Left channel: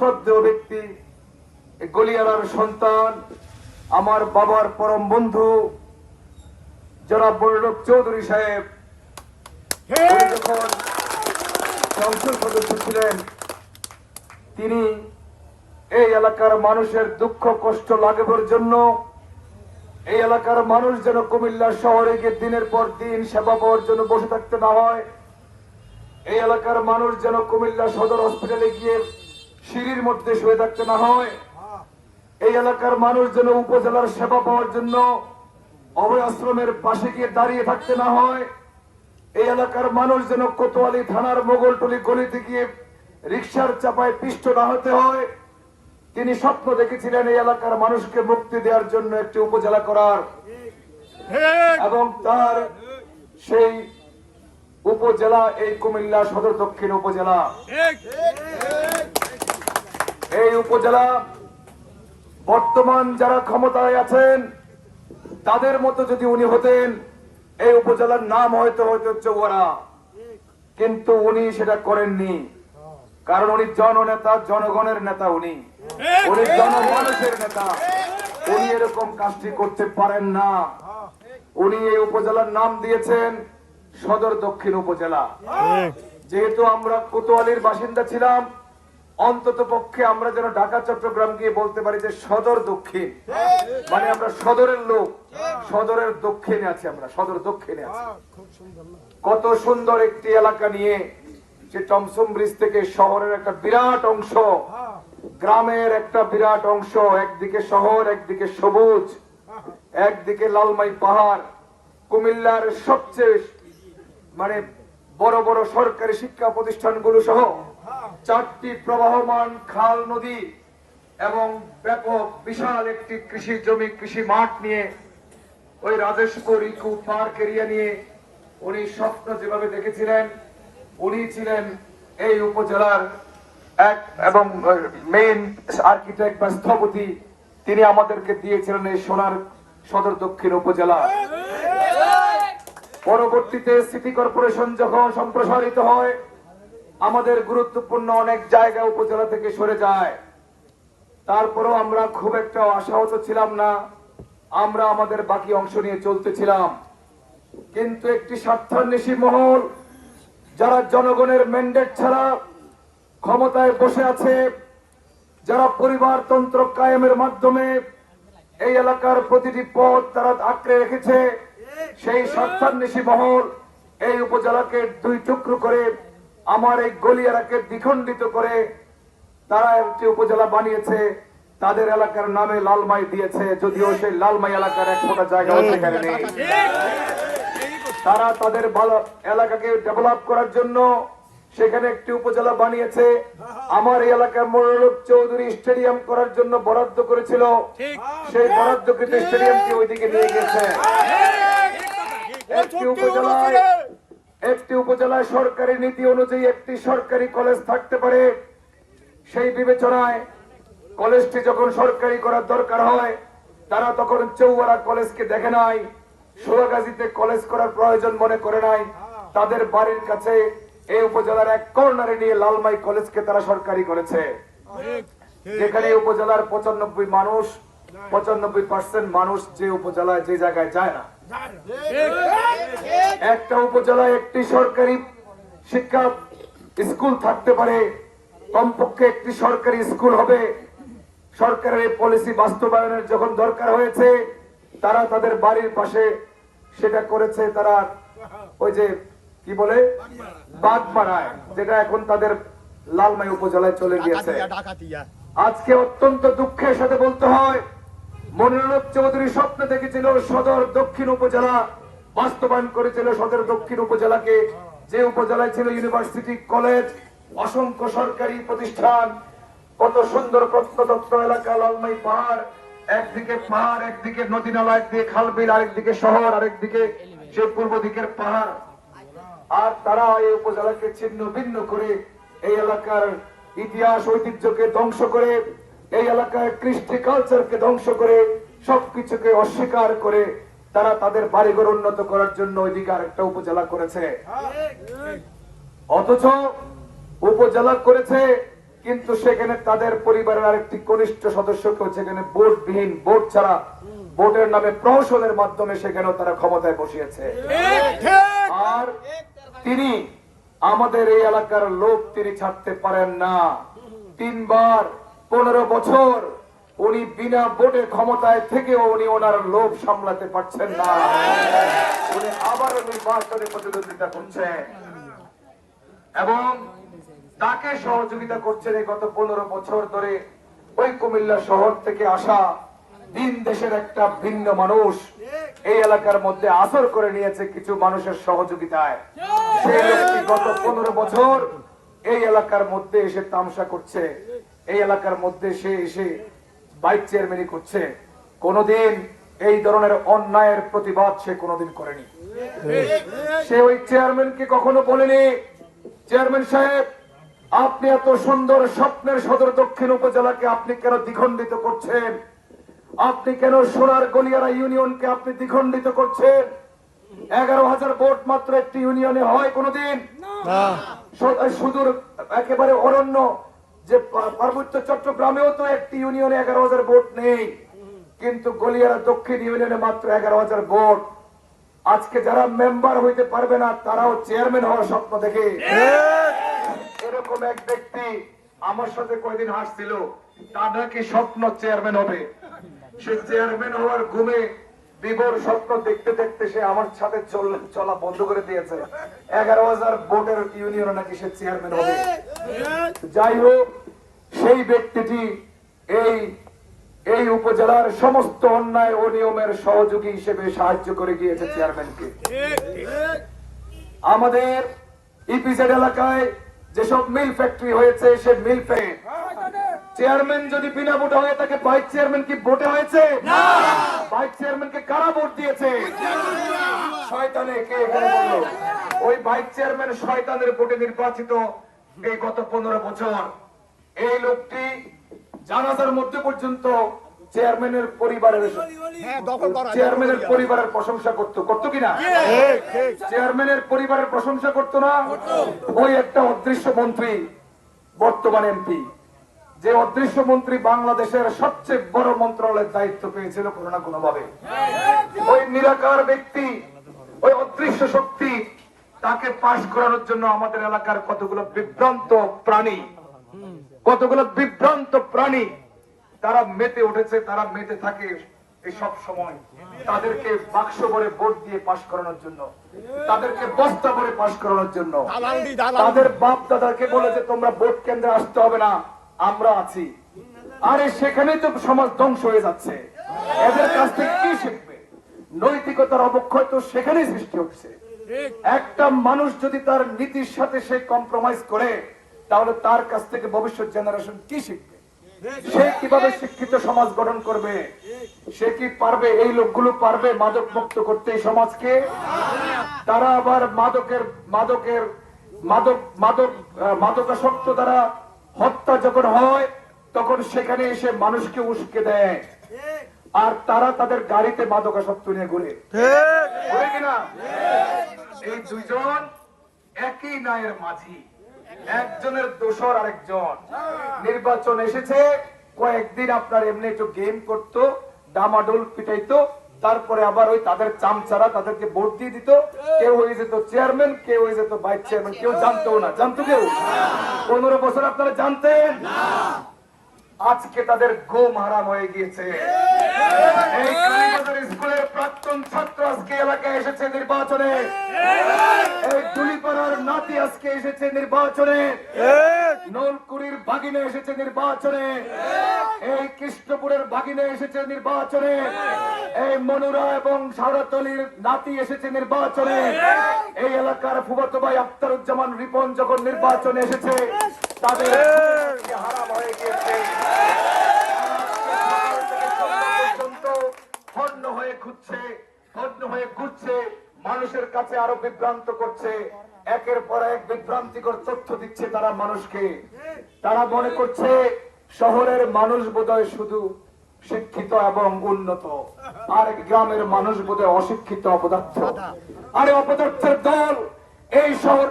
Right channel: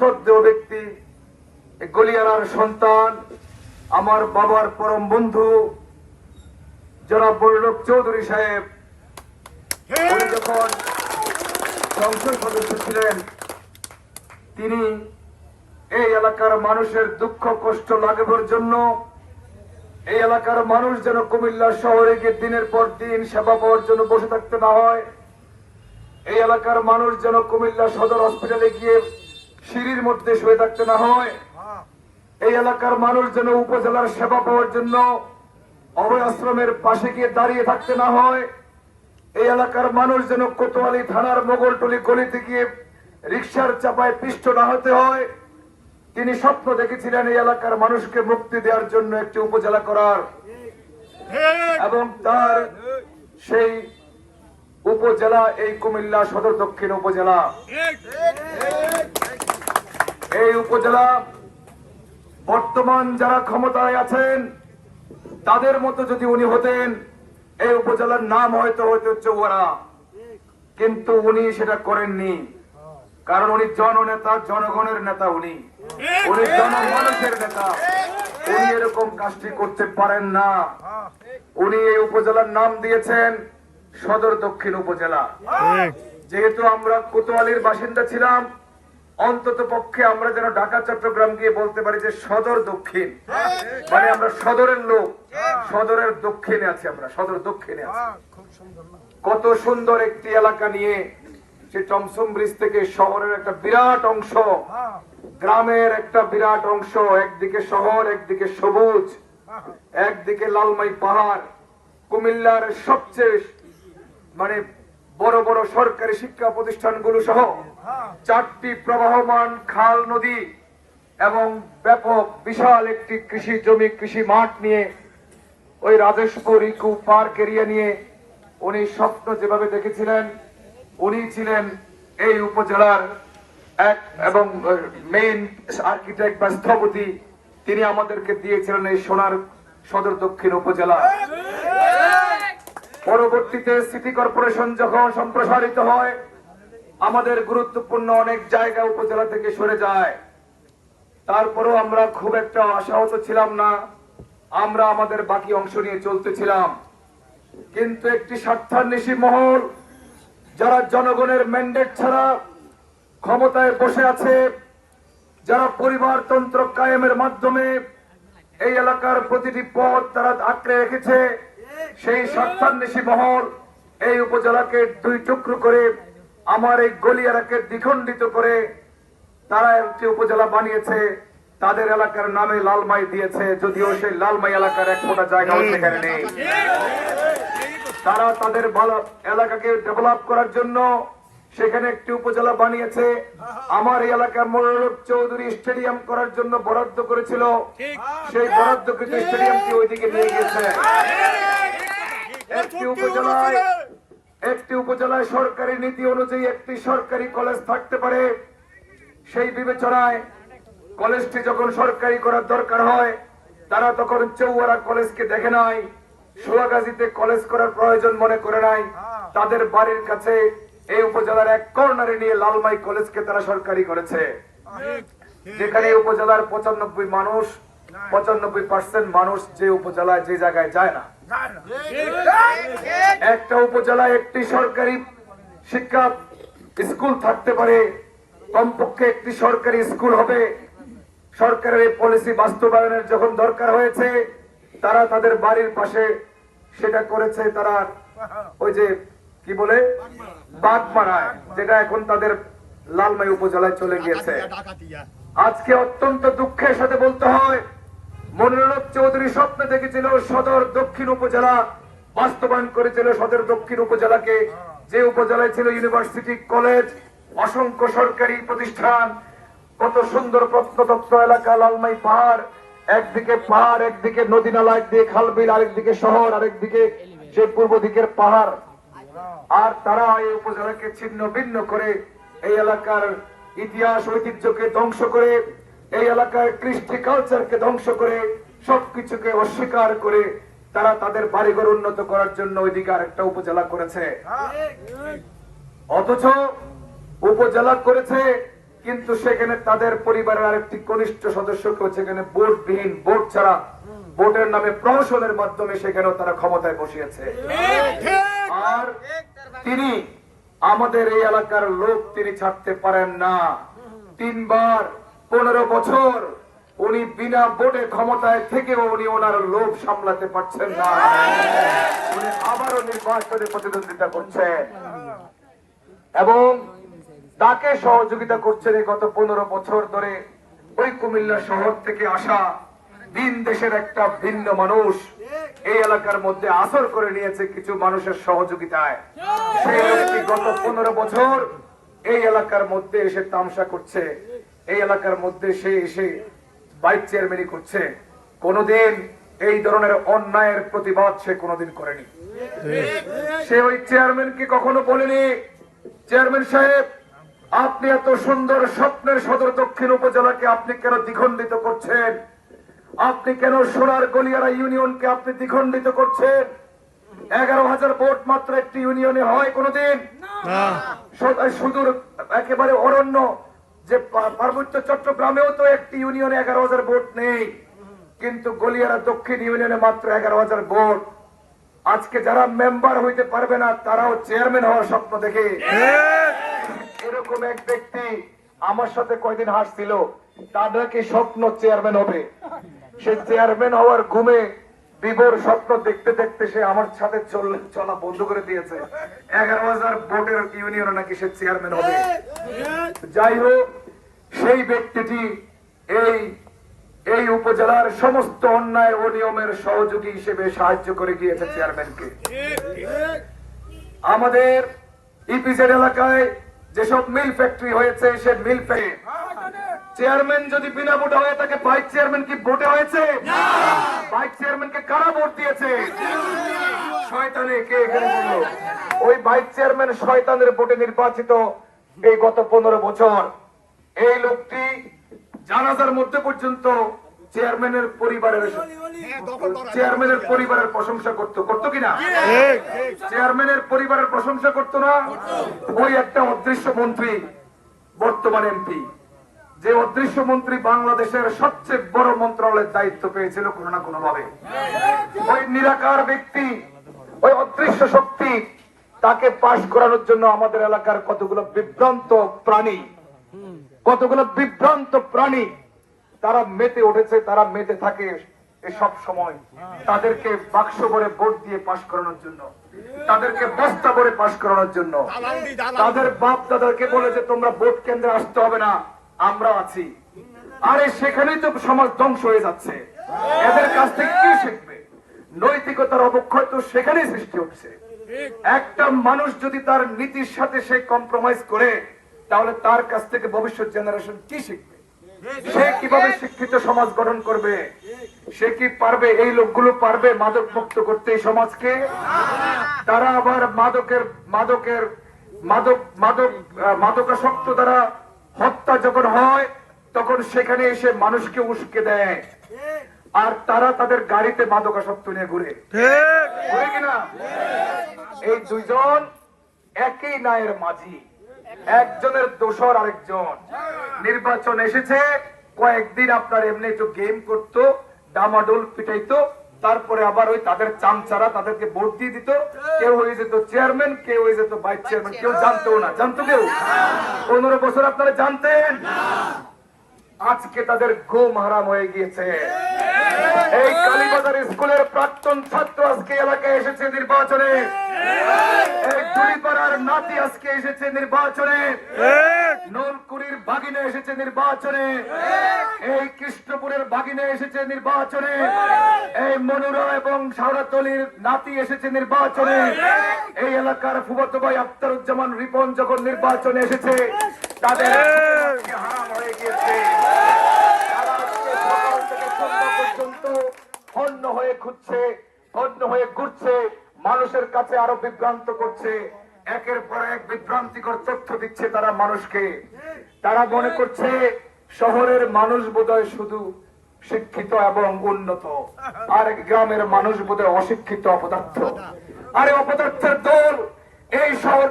শ্রদ্ধেয় ব্যক্তি, গলিয়ারার সন্তান, আমার বাবার পরম বন্ধু জনাব বড়লোক চৌধুরী সাহেব যখন সংসদ সদস্য ছিলেন, তিনি এই এলাকার মানুষের দুঃখ কষ্ট লাঘবের জন্য, এই এলাকার মানুষ যেন কুমিল্লা শহরে গিয়ে দিনের পর দিন সেবা পাওয়ার জন্য বসে থাকতে না হয়, এই এলাকার মানুষ যেন কুমিল্লা সদর হসপিটালে গিয়ে সিঁড়ির মধ্যে শুয়ে থাকতে না হয়, এই এলাকার মানুষ যেন উপজেলার সেবা পাওয়ার জন্য অভয় আশ্রমের পাশে গিয়ে দাঁড়িয়ে থাকতে না হয়, এই এলাকার মানুষ যেন কোতোয়ালি থানার মোগলটুলি গলিতে গিয়ে রিকশার চাপায় পিষ্ট না হতে হয়, তিনি স্বপ্ন দেখেছিলেন এই এলাকার মানুষকে মুক্তি দেওয়ার জন্য একটি উপজেলা করার, এবং তার সেই উপজেলা এই কুমিল্লা সদর দক্ষিণ উপজেলা। এই উপজেলা বর্তমান যারা ক্ষমতায় আছেন তাদের মতো যদি উনি হতেন, এই উপজেলার নাম হয়তো চৌয়ারা, কিন্তু উনি সেটা করেননি। কারণ উনি জননেতা, জনগণের নেতা, উনি জনমানুষের নেতা, উনি এরকম কাজটি করতে পারেন না। উনি এই উপজেলার নাম দিয়েছেন সদর দক্ষিণ উপজেলা। যেহেতু আমরা কোতোয়ালির বাসিন্দা ছিলাম, অন্তত পক্ষে আমরা যেন ঢাকা চট্টগ্রাম গিয়ে বলতে পারি যে সদর দক্ষিণ, মানে আমরা সদরের লোক, সদরের দক্ষিণে আছি, আমরা সদর দক্ষিণে আছি। কত সুন্দর একটি এলাকা নিয়ে, সে টমসম ব্রিজ থেকে শহরের একটা বিরাট অংশ, গ্রামের একটা বিরাট অংশ, একদিকে শহর, একদিকে সবুজ, একদিকে লালমাই পাহাড়, কুমিল্লার সবচেয়ে মানে বড় বড় সরকারি শিক্ষা প্রতিষ্ঠানগুলো সহ 4টি প্রবাহমান খাল নদী এবং ব্যাপক বিশাল একটি কৃষি জমি, কৃষি মাঠ নিয়ে, ওই রাজেশপুর ইকো পার্ক এরিয়া নিয়ে উনি স্বপ্ন যেভাবে দেখেছিলেন, উনি ছিলেন এই উপজেলার এক এবং মেইন আর্কিটেক্ট বা স্থপতি। তিনি আমাদেরকে দিয়েছিলেন এই সোনার সদর দক্ষিণ উপজেলা। পরবর্তীতে সিটি কর্পোরেশন যখন সম্প্রসারিত হয়, আমাদের গুরুত্বপূর্ণ অনেক জায়গা উপজেলা থেকে সরে যায়। তারপরেও আমরা খুব একটা আশাহত ছিলাম না, আমরা আমাদের বাকি অংশ নিয়ে চলতেছিলাম। কিন্তু একটি স্বার্থান্বেষী মহল, যারা জনগণের ম্যান্ডেট ছাড়া ক্ষমতায় বসে আছে, যারা পরিবারতন্ত্র কায়েমের মাধ্যমে এই এলাকার প্রতিটি পথ তারা আঁকড়ে রেখেছে, সেই স্বার্থান্বেষী মহল এই উপজেলাকে 2 টুকরো করে, আমার এই গলিয়ারাকে দ্বিখণ্ডিত করে তারা একটি উপজেলা বানিয়েছে। তাদের এলাকার নামে লালমাই দিয়েছে, যদিও সেই লালমাই এলাকার এক ফোঁটা জায়গা সেখানে নেই। তারা তাদের এলাকাকে ডেভেলপ করার জন্য সেখানে একটি উপজেলা বানিয়েছে। আমার এই এলাকার মোড়ক চৌধুরী স্টেডিয়াম করার জন্য বরাদ্দ করেছিল, সেই বরাদ্দকৃত স্টেডিয়ামটি ওইদিকে নিয়ে গেছে। একটি উপজেলায় সরকারি নীতি অনুযায়ী একটি সরকারি কলেজ থাকতে পারে, সেই বিবেচনায় কলেজটি যখন সরকারি করার দরকার হয়, তারা তখন চৌয়ারা কলেজকে দেখে নাই, সোয়াগাজীতে কলেজ করার প্রয়োজন মনে করে নাই। তাদের বাড়ির কাছে এই উপজেলার এক কর্নারে নিয়ে লালমাই কলেজকে তারা সরকারি করেছে, যেখানে উপজেলার 95% মানুষ যে উপজেলায় যে জায়গায় যায় না। একটা উপজেলায় একটি সরকারি শিক্ষা স্কুল থাকতে পারে, কমপক্ষে একটি সরকারি স্কুল হবে। সরকারের এই পলিসি বাস্তবায়নের যখন দরকার হয়েছে, তারা তাদের বাড়ির পাশে সেটা করেছে। তারা ওই যে কি বলে বাগমারায়, যেটা এখন তাদের লালমাই উপজেলায় চলে গিয়েছে। আজকে অত্যন্ত দুঃখের সাথে বলতে হয়, মনিরুল চৌধুরী স্বপ্ন দেখেছিল সদর দক্ষিণ উপজেলা, বাস্তবায়ন করেছিল সদর দক্ষিণ উপজেলাকে, যে উপজেলায় ছিল ইউনিভার্সিটি, কলেজ, অসংখ্য সরকারি প্রতিষ্ঠান, কত সুন্দর প্রত্নতত্ত্ব এলাকা, লালমাই পাহাড়, একদিকে পাহাড়, একদিকে নদী নালা, একদিকে খালবিল, আরেকদিকে শহর, আরেকদিকে সেই পূর্ব দিকের পাহাড়। আর তারা এই উপজেলাকে ছিন্ন ভিন্ন করে, এই এলাকার ইতিহাস ঐতিহ্যকে ধ্বংস করে, এই এলাকার কৃষ্টি কালচারকে ধ্বংস করে, সবকিছুকে অস্বীকার করে তারা তাদের বাড়িঘর উন্নত করার জন্য ওইদিকে আরেকটা উপজেলা করেছে। অথচ উপজেলা করেছে কিন্তু সেখানে তাদের পরিবারের আরেকটি কনিষ্ঠ সদস্যকে সেখানে ভোটবিহীন, ভোট ছাড়া, ভোটের নামে প্রহসনের মাধ্যমে সেখানেও তারা ক্ষমতায় বসিয়েছে। আর তিনি আমাদের এই এলাকার লোক তিনি ছাড়তে পারেন না। 3 বার 15 বছর উনি বিনা ভোটে ক্ষমতায় থেকেও উনি ওনার লোভ সামলাতে পারছেন না। উনি আবারও নির্বাচনে প্রতিদ্বন্দ্বিতা করছেন এবং তাকে সহযোগিতা করছেন এই গত 15 বছর ধরে ওই কুমিল্লা শহর থেকে আসা ভিন দেশের একটা ভিন্ন মানুষ এই এলাকার মধ্যে আসর করে নিয়েছে কিছু মানুষের সহযোগিতায়। সে গত 15 বছর এই এলাকার মধ্যে এসে তামসা করছে, এই এলাকার মধ্যে সে এসে ভাইস চেয়ারম্যানই করছে। কোনদিন এই ধরনের অন্যায়ের প্রতিবাদ সে কোনদিন করেনি। সে ওই চেয়ারম্যানকে কখনো বলেনি, চেয়ারম্যান সাহেব আপনি এত সুন্দর স্বপ্নের সদর দক্ষিণ উপজেলাকে আপনি কেন দ্বিখণ্ডিত করছেন? আপনি কেন সোনার গলিয়ারা ইউনিয়নকে আপনি দ্বিখণ্ডিত করছেন? 11,000 ভোট মাত্র একটি ইউনিয়নে হয় কোনদিন? সুদূর একেবারে অরণ্য যে পার্বত্য চট্টগ্রামেও তো একটি ইউনিয়নে 11,000 ভোট নেই, কিন্তু গলিয়ারা দক্ষিণ ইউনিয়নে মাত্র 11,000 ভোট। আজকে যারা মেম্বার হইতে পারবে না তারাও চেয়ারম্যান হওয়ার স্বপ্ন দেখে। এরকম এক ব্যক্তি আমার সাথে কয়দিন হাসছিল, তাদের কি স্বপ্ন চেয়ারম্যান হবে। সে চেয়ারম্যান হওয়ার ঘুমে বিভোর স্বপ্ন দেখতে দেখতে সে আমার সাথে চলা বন্ধ করে দিয়েছে। 11,000 ভোটের ইউনিয়নে নাকি সে চেয়ারম্যান হবে। যাই হোক, সেই ব্যক্তিটি এই উপজেলার সমস্ত অন্যায় ও নিয়মের সহযোগী হিসেবে সাহায্য করে গিয়েছে চেয়ারম্যানকে। আমাদের ইপিজেড এলাকায় যেসব মিল ফ্যাক্টরি হয়েছে, সে মিল ফ্যাক্টরি চেয়ারম্যান যদি বিনা ভোটে হয় তাকে ভাইস চেয়ারম্যান কি ভোটে হয়েছে? ভাইস চেয়ারম্যানকে কারা ভোট দিয়েছে? শয়তানে কে এখানে বলল? ওই ভাইস চেয়ারম্যান শয়তানের ভোটে নির্বাচিত এই গত 15 বছর। এই লোকটি জানাজার মধ্যে পর্যন্ত চেয়ারম্যানের পরিবারের প্রশংসা করতো কিনা? চেয়ারম্যানের পরিবারের প্রশংসা করতো না? ওই একটা অদৃশ্য মন্ত্রী, বর্তমান এমপি, যে অদৃশ্য মন্ত্রী বাংলাদেশের সবচেয়ে বড় মন্ত্রণালয়ের দায়িত্ব পেয়েছিল কোনো না কোনো ভাবে। ওই নিরাকার ব্যক্তি, ওই অদৃশ্য শক্তি, তাকে পাশ করানোর জন্য আমাদের এলাকার কতগুলো বিভ্রান্ত প্রাণী তারা মেতে উঠেছে, তারা মেতে থাকে সব সময়। তাদেরকে বাক্স ভরে ভোট দিয়ে পাশ করানোর জন্য, তাদেরকে বস্তা ভরে পাশ করানোর জন্য। তাদের বাপ দাদাকে বলে যে তোমরা ভোট কেন্দ্রে আসতে হবে না, আমরা আছি। আরে সেখানেই তো সমাজ ধ্বংস হয়ে যাচ্ছে। এদের কাছ থেকে কি শিখবে? নৈতিকতার অবক্ষয় তো সেখানেই সৃষ্টি হচ্ছে। একটা মানুষ যদি তার নীতির সাথে সে কম্প্রোমাইজ করে, তাহলে তার কাছ থেকে ভবিষ্যৎ জেনারেশন কি শিখবে? সে কিভাবে শিক্ষিত সমাজ গঠন করবে? সে কি পারবে? এই লোকগুলো পারবে মাদক মুক্ত করতে এই সমাজকে? তারা আবার মাদকাসক্ত দ্বারা হত্যা যখন হয় তখন সেখানে এসে মানুষকে উস্কে দেয়, আর তারা তাদের গাড়িতে মাদকাসক্ত নিয়ে ঘুরে কিনা? এই দুইজন একই নায়ের মাঝি, একজনের দোসর আরেকজন। নির্বাচন এসেছে, কয়েকদিন আপনার এমনি একটু গেম করতো, ডামাডোল পিটাইতো, তারপরে আবার ওই তাদের চামচারা তাদেরকে ভোট দিয়ে দিত। কেউ হয়ে যেত চেয়ারম্যান, কেউ হয়ে যেত ভাইস চেয়ারম্যান, কেউ জানতো না। জানতো কেউ? 15 বছর আপনারা জানতেন? আজকে তাদের ঘুম হারাম হয়ে গিয়েছে। এই কালীবাজার স্কুলের প্রাক্তন ছাত্র আজকে এলাকায় এসেছে নির্বাচনে। এই দুলিপাড়ার নাতি আজকে এসেছে নির্বাচনে। নলকুড়ির ভাগিনা এসেছে নির্বাচনে। এই কৃষ্ণপুরের ভাগিনা এসেছে নির্বাচনে। এই মনুরা এবং শাহরাতলির নাতি এসেছে নির্বাচনে। এই এলাকার ফুফাতো ভাই আখতারুজ্জামান রিপন যখন নির্বাচনে এসেছে, তাদের হারাম হয়ে গিয়েছে। হন্য হয়ে খুঁজছে, হন্য হয়ে ঘুরছে, মানুষের কাছে আরো বিভ্রান্ত করছে, একের পর এক বিভ্রান্তিকর তথ্য দিচ্ছে তারা মানুষকে। তারা মনে করছে শহরের মানুষ বোধহয় শুধু শিক্ষিত এবং উন্নত, আর গ্রামের মানুষ বোধহয় অশিক্ষিত অপদার্থ। আরে অপদার্থের দল এই শহর